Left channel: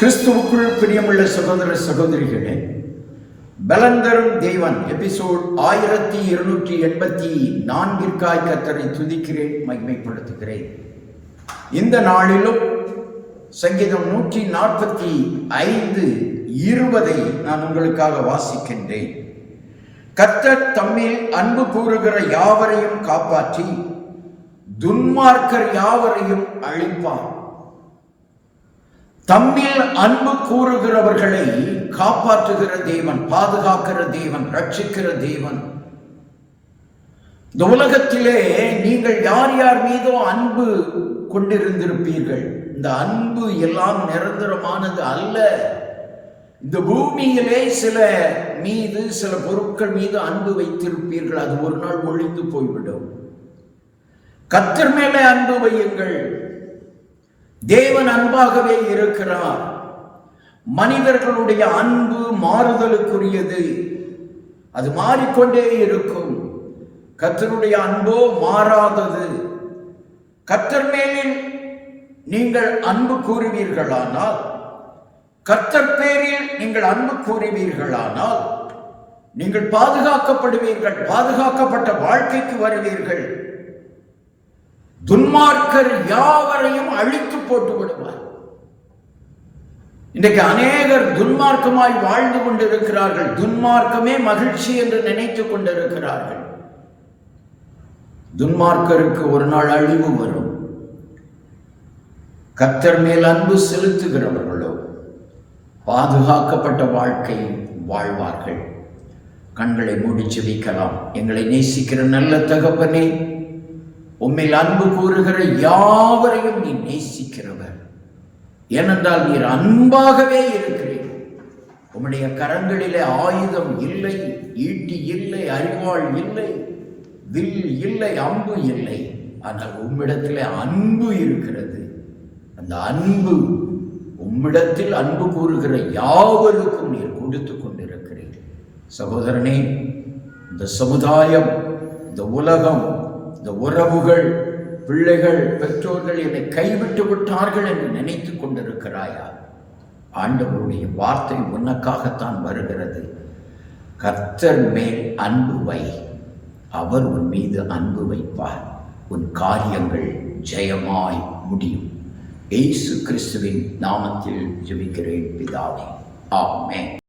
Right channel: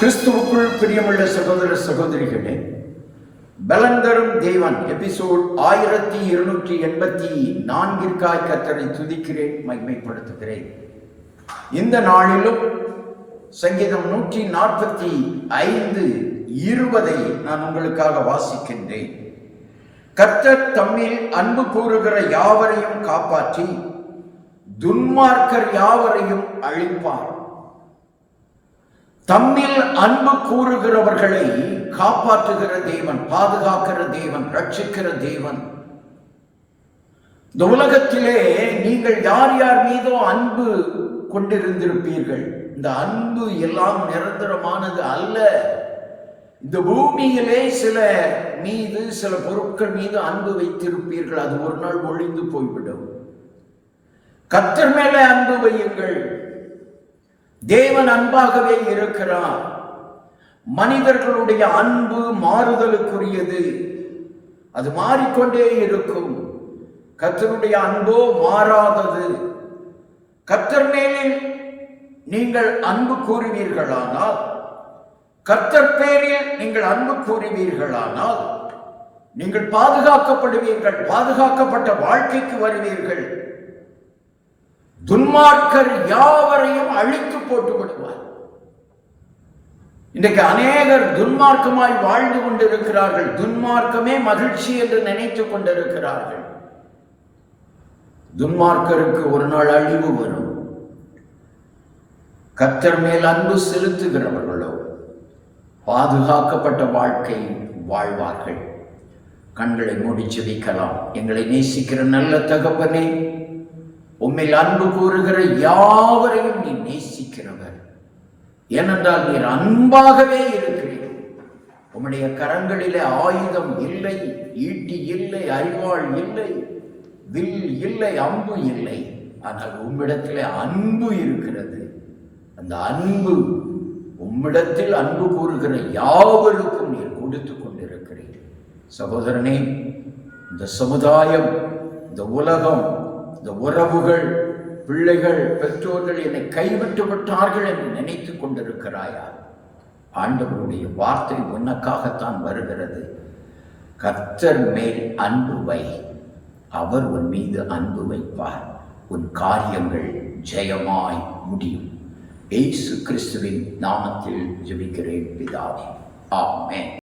கிறிஸ்துவுக்குள் பிரியமுள்ள சகோதர சகோதரிகளே, பலன் தரும் தேவன் எபிசோட் 1284 கர்த்தரை துதிக்கிறேன், மகிமைப்படுத்துகிறேன். இந்த நாளிலும் சங்கீதம் 145:20 நான் உங்களுக்காக வாசிக்கின்றேன். கர்த்தர் தம்மில் அன்பு கூறுகிற யாவரையும் காப்பாற்றி துன்மார்க்கர் யாவரையும் அழிப்பார். தம்மில் அன்பு கூறுகிறவர்களை காப்பாற்றுகிற தேவன், பாதுகாக்கிற தேவன், ரட்சிக்கிற தேவன். இந்த உலகத்திலே நீங்கள் யார் யார் மீதோ அன்பு கொண்டிருந்திருப்பீர்கள். இந்த அன்பு எல்லாம் நிரந்தரமானது அல்ல. இந்த பூமியிலே சில பொருட்கள் மீது அன்பு வைத்திருப்பீர்கள். அது ஒரு நாள் ஒழிந்து போய்விடும். கர்த்தர் மேலே அன்பு வையுங்கள். தேவன் அன்பாகவே இருக்கிறார். மனிதர்களுடைய அன்பு மாறுதலுக்குரியது, அது மாறிக்கொண்டே இருக்கும். கர்த்தருடைய அன்போ மாறாதது. கர்த்தர் மேலில் நீங்கள் அன்பு கூறுவீர்களானால், கர்த்தர் பேரில் நீங்கள் அன்பு கூறுவீர்களானால், நீங்கள் பாதுகாக்கப்படுவீர்கள், பாதுகாக்கப்பட்ட வாழ்க்கைக்கு வருவீர்கள். துன்மார்க்கர் யாவரையும் அழித்து போட்டு விடுவார். இன்றைக்கு அநேகர் துன்மார்க்கமாய் வாழ்ந்து கொண்டிருக்கிறார்கள். துன்மார்க்கமே மகிழ்ச்சி என்று நினைத்துக் கொண்டிருக்கிறார்கள். துன்மார்க்கருக்கு ஒரு நாள் அழிவு வரும். கர்த்தர் மேல் அன்பு செலுத்துகிறவர்களோ பாதுகாக்கப்பட்ட வாழ்க்கை வாழ்வார்கள். கண்களை மூடி ஜெபிக்கலாம். எங்களை நேசிக்கிற நல்ல தகப்பனே, உம்மில் அன்பு கூறுகிற யாவரையும் நீ நேசிக்கிறவர். ஏனென்றால் நீர் அன்பாகவே இருக்கிறீர். உம்முடைய கரங்களிலே ஆயுதம் இல்லை, ஈட்டி இல்லை, அரிவாள் இல்லை, வில் இல்லை, அம்பு இல்லை. ஆனால் உம்மிடத்திலே அன்பு இருக்கிறது. அந்த அன்பு, உம்மிடத்தில் அன்பு கூறுகிற யாவருக்கும் நீர் கொடுத்து கொண்டிருக்கிறீர். சகோதரனே, இந்த சமுதாயம், இந்த உலகம், இந்த உறவுகள், பிள்ளைகள், பெற்றோர்கள் என்னை கைவிட்டு விட்டார்கள் என்று நினைத்து கொண்டிருக்கிறாயா? ஆண்டவருடைய வார்த்தை உனக்காகத்தான் வருகிறது. கர்த்தர் மேல் அன்பு வை, அவர் உன் மீது அன்பு வைப்பார். உன் காரியங்கள் ஜெயமாய் முடியும். இயேசு கிறிஸ்துவின் நாமத்தில் ஜெபிக்கிறேன் பிதாவே, ஆமென்.